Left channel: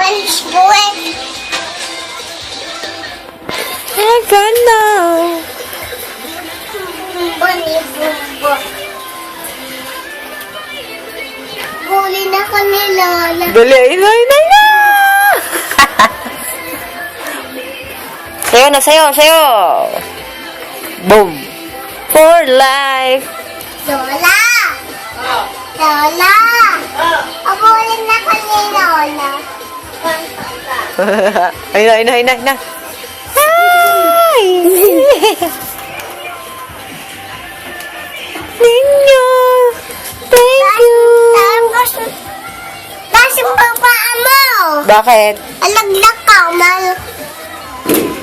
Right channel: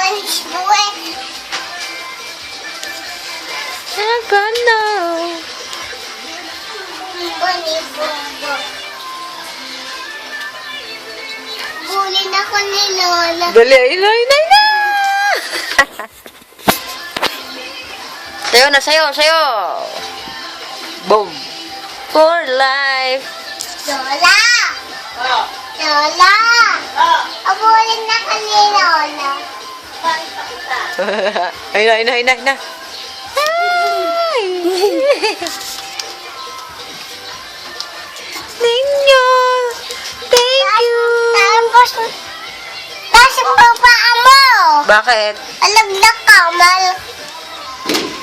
Punch buwet. Ganda. Bumba. Huli na ko ni Lola. Dali, inay. Sayo. Boom. For life. Lola! Lola! Huli na ko ni Lola. Ayun na. Ay! Ninyo! Thank you! Kasi pa paa mo. Bakit? Alaglag ka, mal.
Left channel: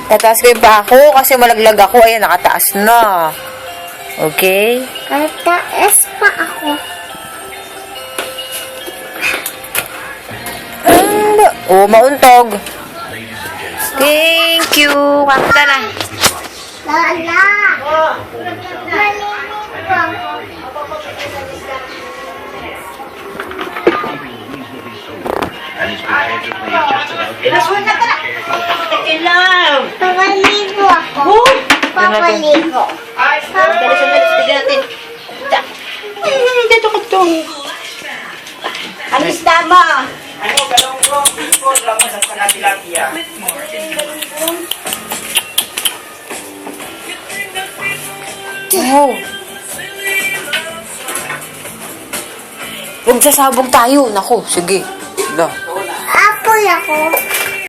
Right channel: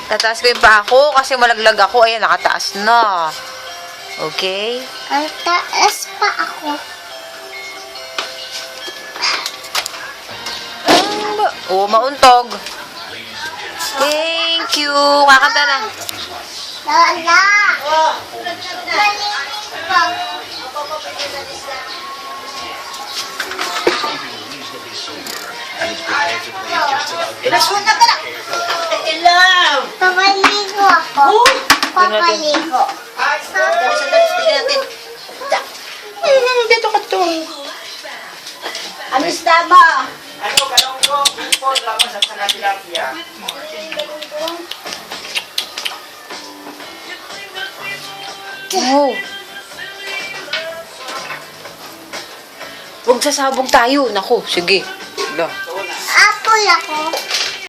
Tataas ko yung pa ako kasi malaglag ako. Ayan, nakataas na. Okay? Taas pa ako. Oh, mauntog. Thank you. Kakanta na. Lola! Maliligo ako. Pinasuhan ka na! Ilaw! Papaligo ako. Papaligo. Sandali, tignan natin. Dito ka to. Ano isda mo? Ano, galong ko, before, tapos at saka tilapia. Wow. Nagsasabog tayo. Naku, sige. No. Apoy ako.